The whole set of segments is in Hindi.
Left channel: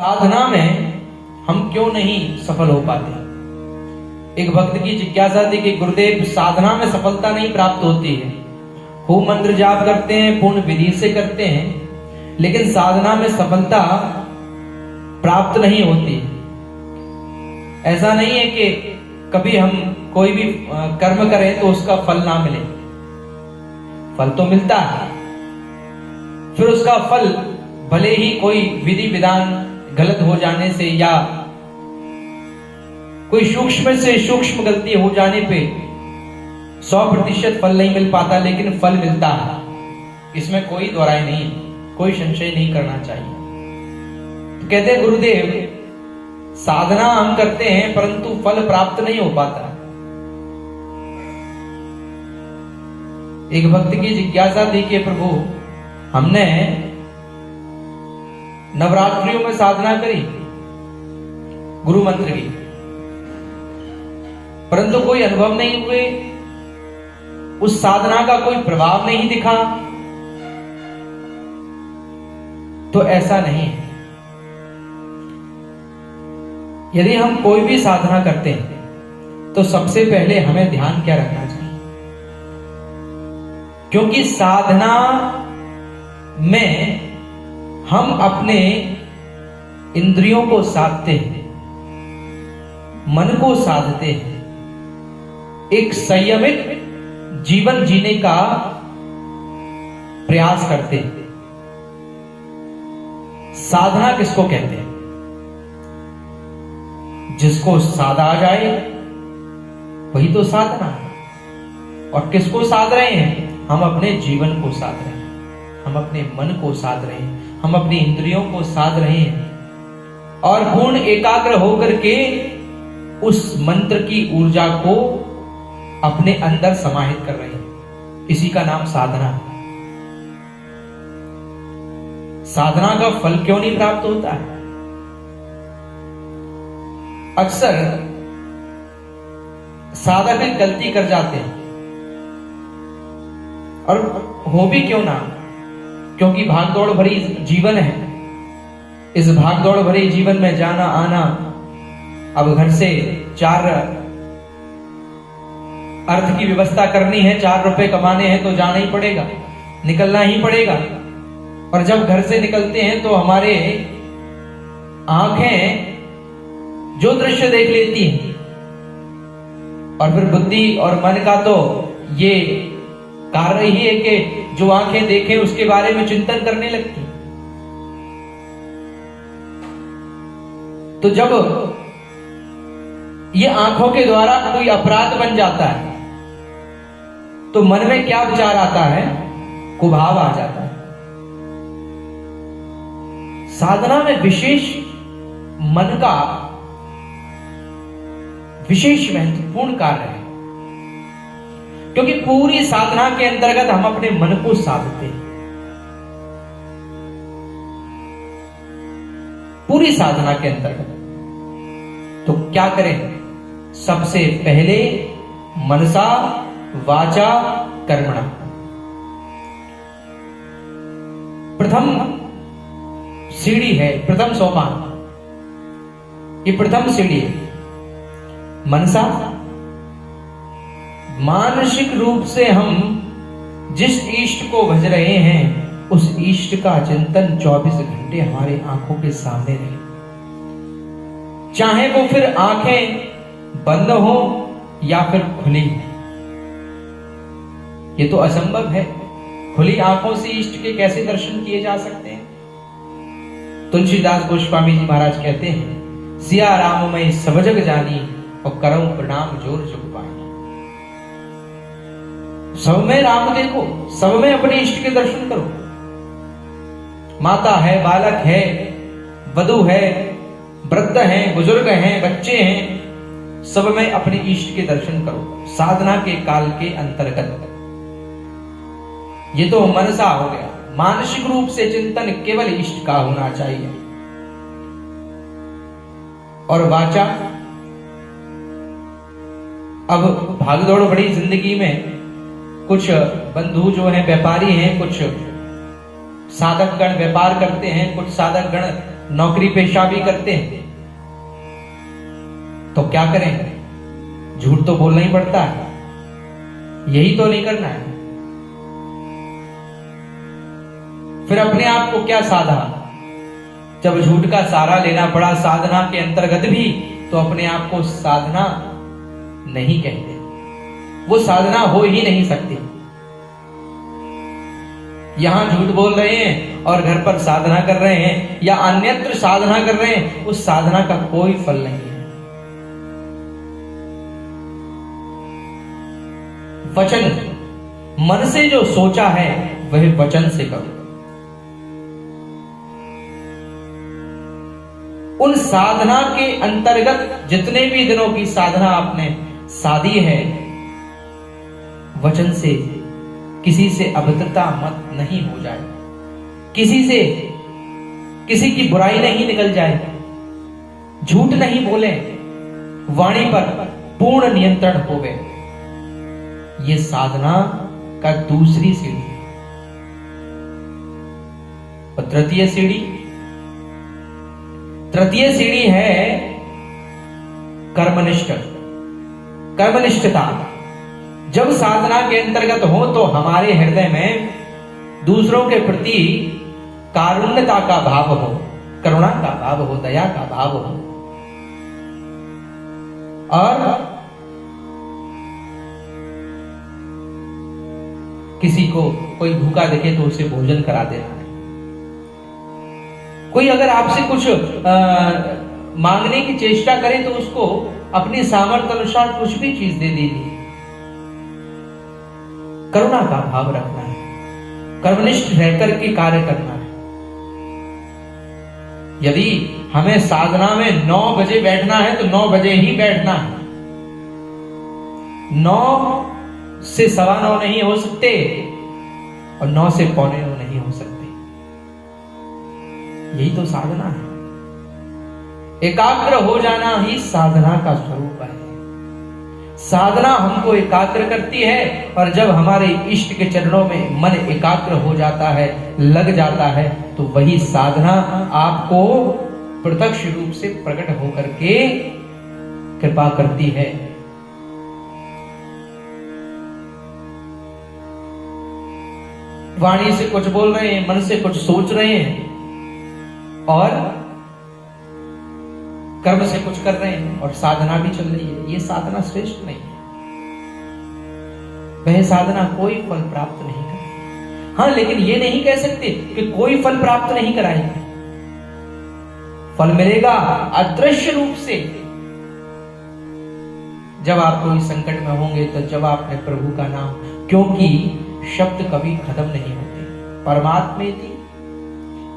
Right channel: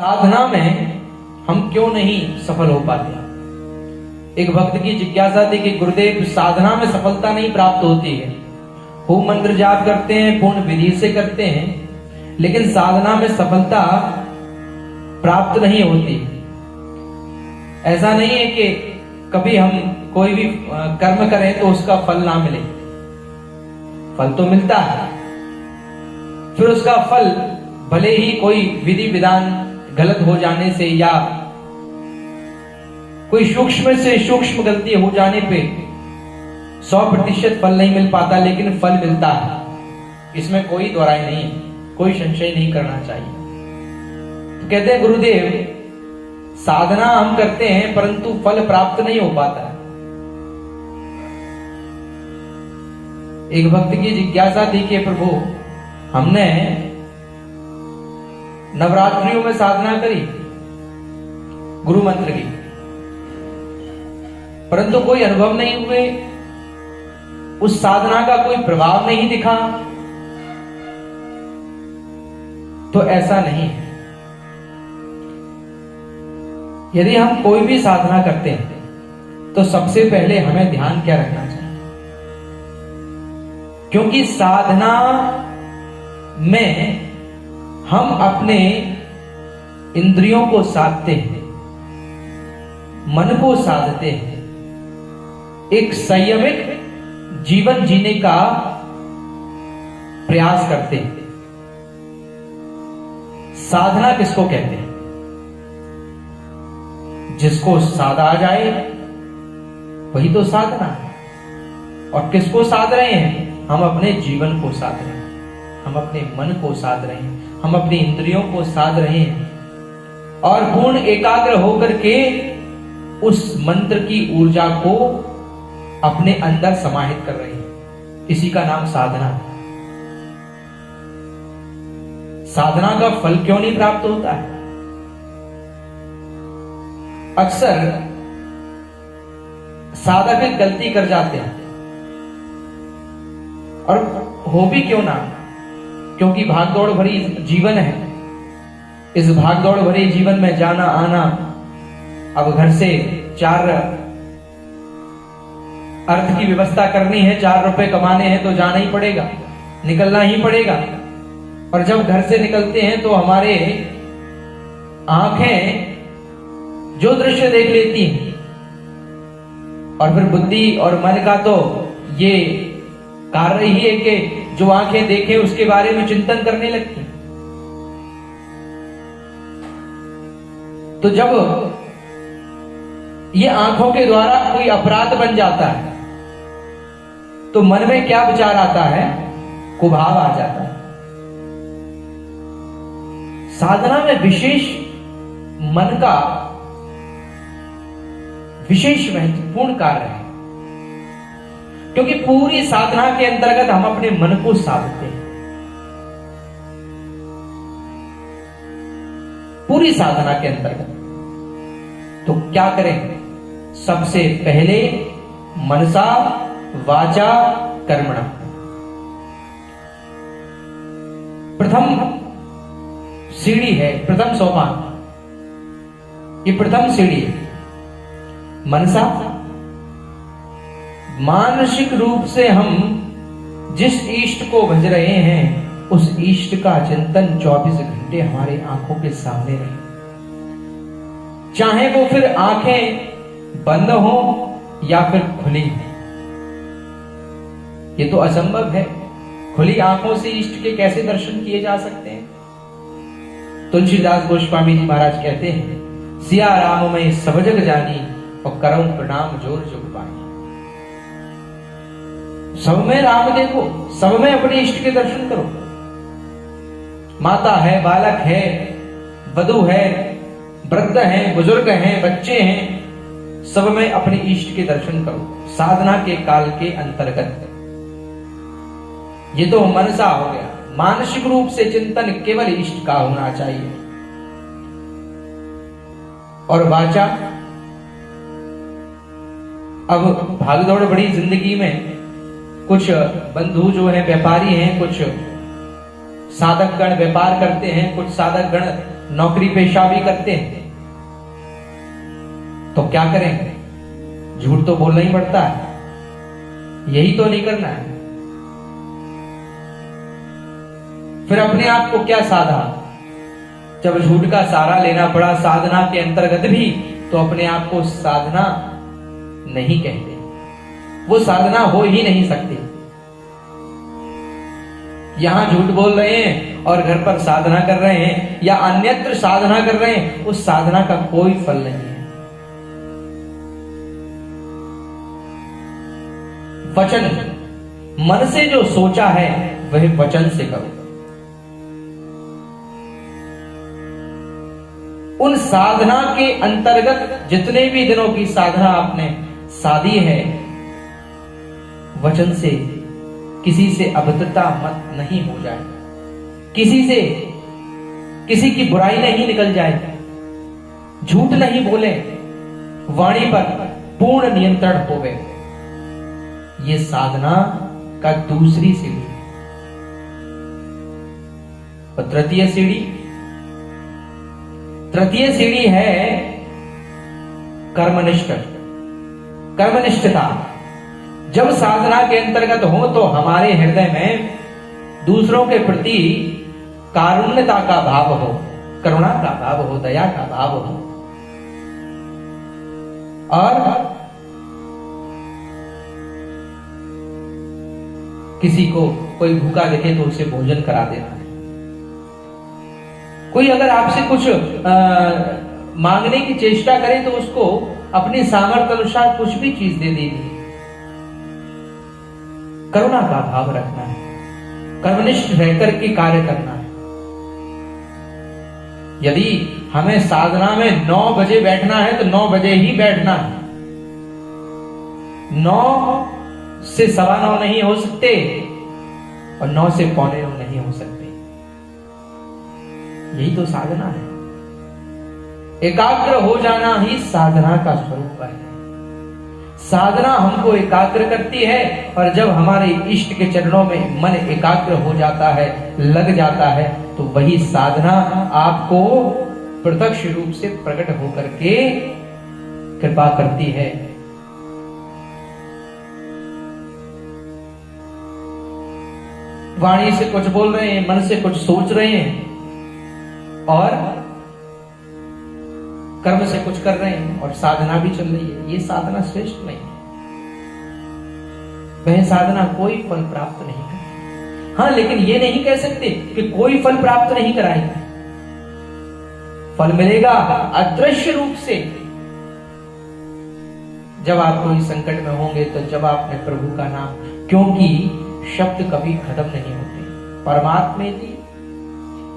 साधना में हम क्यों नहीं सफल हो पाते। एक भक्त की जिज्ञासा थी कि गुरुदेव, साधना में सफलता नहीं प्राप्त होती है, खूब मंत्र जाप करते हैं, पूर्ण विधि से करते हैं, लेकिन साधना में सफलता प्राप्त नहीं होती। ऐसा नहीं है कि कभी हम कोई भी कर्म करें तो उसका फल ना मिले, फल तो मिलता है। फिर उसका फल भले ही कोई विधि विधान गलत हो जाने से या कोई सूक्ष्म से सूक्ष्म गलती हो जाने पे 100% फल नहीं मिल पाता, लेकिन फल मिलता है। इसमें कोई दोहराई नहीं है, कोई संशय नहीं करना चाहिए। तो कहते हैं गुरुदेव, साधना हम करते हैं परंतु फल प्राप्त नहीं हो पाता। एक भक्त की जिज्ञासा थी कि प्रभु, हमने नवरात्रियों में साधना करी गुरु मंत्र की, परंतु कोई अनुभव नहीं हुए, उस साधना का कोई प्रभाव नहीं दिखा। तो ऐसा नहीं है। यदि हम कोई भी साधना करते हैं तो सबसे पहले हमें ध्यान क्या रखना चाहिए, क्योंकि साधना में हम अपने इंद्रियों को साधते हैं, मन को साधते हैं, एक संयमित जीवन जीने का प्रयास करते हैं। साधना किसको कहते हैं? जिसको साधा आ जाए वही तो साधना है। और किसको साध रहे हैं? हम अपने जीवन को साध रहे हैं, हम अपने मन को साध रहे हैं, हम अपनी इंद्रियों को साध रहे हैं, और पूर्ण एकाग्र होकर के उस मंत्र की ऊर्जा को अपने अंदर समाहित कर रहे हैं। इसी का नाम साधना है। साधना का फल क्यों नहीं प्राप्त होता है? अक्सर साधक एक गलती कर जाते हैं, और हो भी क्यों ना, क्योंकि भागदौड़ भरी जीवन है। इस भागदौड़ भरी जीवन में जाना आना, अब घर से 4 अर्थ की व्यवस्था करनी है, 4 रुपए कमाने हैं तो जाना ही पड़ेगा, निकलना ही पड़ेगा। और जब घर से निकलते हैं तो हमारे आंखें जो दृश्य देख लेती हैं, और फिर बुद्धि और मन का तो ये कार्य ही है कि जो आंखें देखें उसके बारे में चिंतन करने लगती। तो जब ये आंखों के द्वारा कोई अपराध बन जाता है तो मन में क्या विचार आता है? कुभाव आ जाता है। साधना में विशेष मन का विशेष महत्वपूर्ण कार्य है, क्योंकि पूरी साधना के अंतर्गत हम अपने मन को साधते हैं। पूरी साधना के अंतर्गत तो क्या करें? सबसे पहले मनसा वाचा कर्मणा, प्रथम सीढ़ी है, प्रथम सोपान, ये प्रथम सीढ़ी है। मनसा, मानसिक रूप से हम जिस इष्ट को भज रहे हैं उस इष्ट का चिंतन 24 घंटे हमारे आंखों के सामने रहे, चाहे वो फिर आंखें बंद हो या फिर खुली। ये तो असंभव है, खुली आंखों से इष्ट के कैसे दर्शन किए जा सकते हैं? तुलसीदास गोस्वामी जी महाराज कहते हैं, सिया राम मैं सब जग जानी और करऊं प्रणाम जोर जग पानी। सब में राम देखो, सब में अपने इष्ट के दर्शन करो। माता है, बालक है, वधू है, वृद्ध हैं, बुजुर्ग हैं, बच्चे हैं, सब में अपने इष्ट के दर्शन करो साधना के काल के अंतर्गत। ये तो मनसा हो गया, मानसिक रूप से चिंतन केवल इष्ट का होना चाहिए। और वाचा, अब भागदौड़ बड़ी जिंदगी में कुछ बंधु जो हैं व्यापारी हैं, कुछ साधक गण व्यापार करते हैं, कुछ साधक गण नौकरी पेशा भी करते हैं, तो क्या करें, झूठ तो बोलना ही पड़ता है, यही तो नहीं करना है। फिर अपने आप को क्या साधा, जब झूठ का सहारा लेना पड़ा साधना के अंतर्गत भी, तो अपने आप को साधना नहीं कहते, वो साधना हो ही नहीं सकती। यहां झूठ बोल रहे हैं और घर पर साधना कर रहे हैं या अन्यत्र साधना कर रहे हैं, उस साधना का कोई फल नहीं है। वचन, मन से जो सोचा है वह वचन से करो। उन साधना के अंतर्गत जितने भी दिनों की साधना आपने साधी है, वचन से किसी से अभद्रता मत नहीं हो जाए, किसी से किसी की बुराई नहीं निकल जाए, झूठ नहीं बोले, वाणी पर पूर्ण नियंत्रण हो गए। ये साधना का दूसरी सीढ़ी। और तृतीय सीढ़ी है कर्मनिष्ठता। जब साधना के अंतर्गत हो तो हमारे हृदय में दूसरों के प्रति कारुण्यता का भाव हो, करुणा का भाव हो, दया का भाव हो, और किसी को कोई भूखा देखे तो उसे भोजन करा देना है। कोई अगर आपसे कुछ मांगने की चेष्टा करे तो उसको अपनी सामर्थ्य अनुसार कुछ भी चीज दे देनी। करुणा का भाव रखना है, कर्मनिष्ठ रहकर के कार्य करना है। यदि हमें साधना में 9 बजे बैठना है तो 9 बजे ही बैठना है। 9 से 9:15 नहीं हो सकते और 9 से 9:45 नहीं हो सकते। यही तो साधना है। एकाग्र हो जाना ही साधना का स्वरूप है। साधना हमको एकाग्र करती है, और जब हमारे इष्ट के चरणों में मन एकाग्र हो जाता है, लग जाता है, तो वही साधना आपको प्रत्यक्ष रूप से प्रकट होकर के कृपा करती है। वाणी से कुछ बोल रहे हैं, मन से कुछ सोच रहे हैं और कर्म से कुछ कर रहे हैं और साधना भी चल रही है, ये साधना श्रेष्ठ नहीं है। वह साधना कोई फल प्राप्त नहीं करती। हाँ, लेकिन ये नहीं कह सकते कि कोई फल प्राप्त नहीं कराएगी। फल मिलेगा अदृश्य रूप से। जब आप कोई संकट में होंगे तो जब आपने प्रभु का नाम, क्योंकि शब्द कभी खत्म नहीं होते। परमात्मेति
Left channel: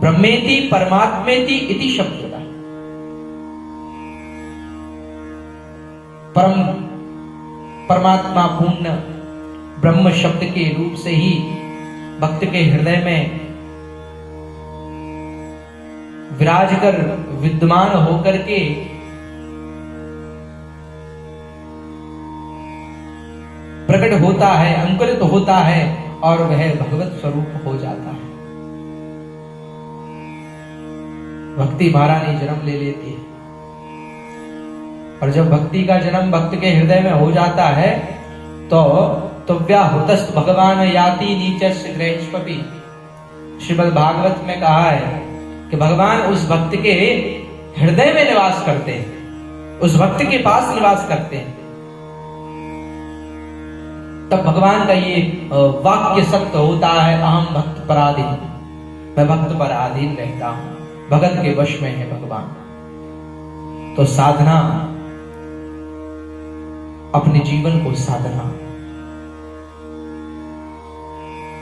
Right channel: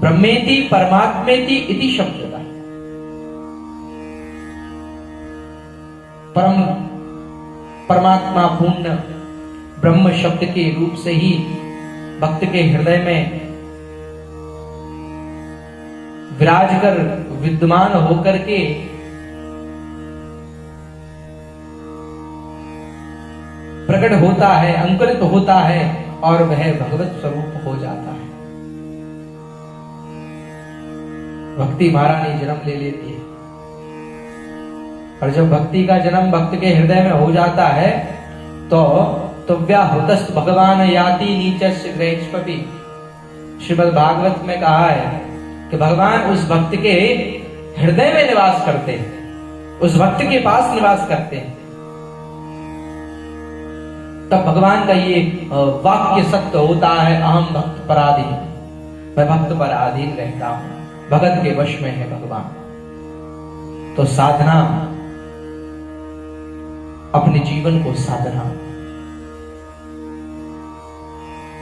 ब्रह्मेति परमात्मेति इति शब्द का परमात्मा पूर्ण ब्रह्म शब्द के रूप से ही भक्त के हृदय में विराज कर विद्यमान होकर के प्रकट होता है, अंकुरित होता है और वह भगवत स्वरूप हो जाता है। भक्ति महारानी जन्म ले लेती है, और जब भक्ति का जन्म भक्त के हृदय में हो जाता है तो व्याहुतस्त भगवान याति नीचस्य ग्रहेष्पपि। श्रीमद् भागवत में कहा है कि भगवान उस भक्त के हृदय में निवास करते हैं, उस भक्त के पास निवास करते हैं। तब भगवान का ये वाक्य सत्य होता है, अहम भक्त पराधीन, मैं भक्त पर अधीन रहता हूं, भगत के वश में है भगवान। तो साधना, अपने जीवन को साधना,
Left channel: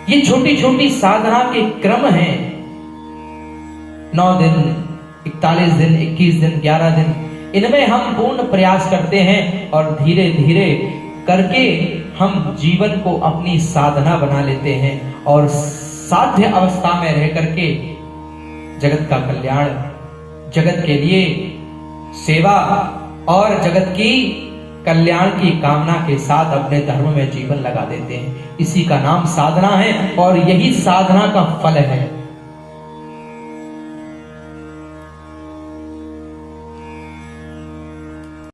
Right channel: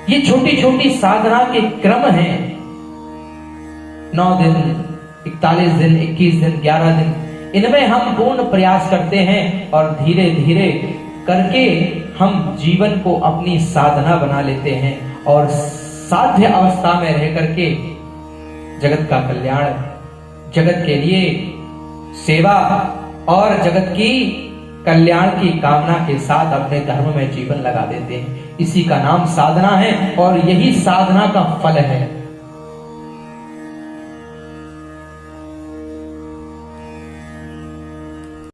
ये छोटी छोटी साधना के क्रम हैं। 9 दिन, 41 दिन, 21 दिन, 11 दिन, इनमें हम पूर्ण प्रयास करते हैं और धीरे धीरे करके हम जीवन को अपनी साधना बना लेते हैं और साध्य अवस्था में रह करके जगत का कल्याण, जगत के लिए सेवा और जगत की कल्याण की कामना के साथ अपने धर्म में जीवन लगा देते हैं। इसी का नाम साधना है और यही साधना का फल है।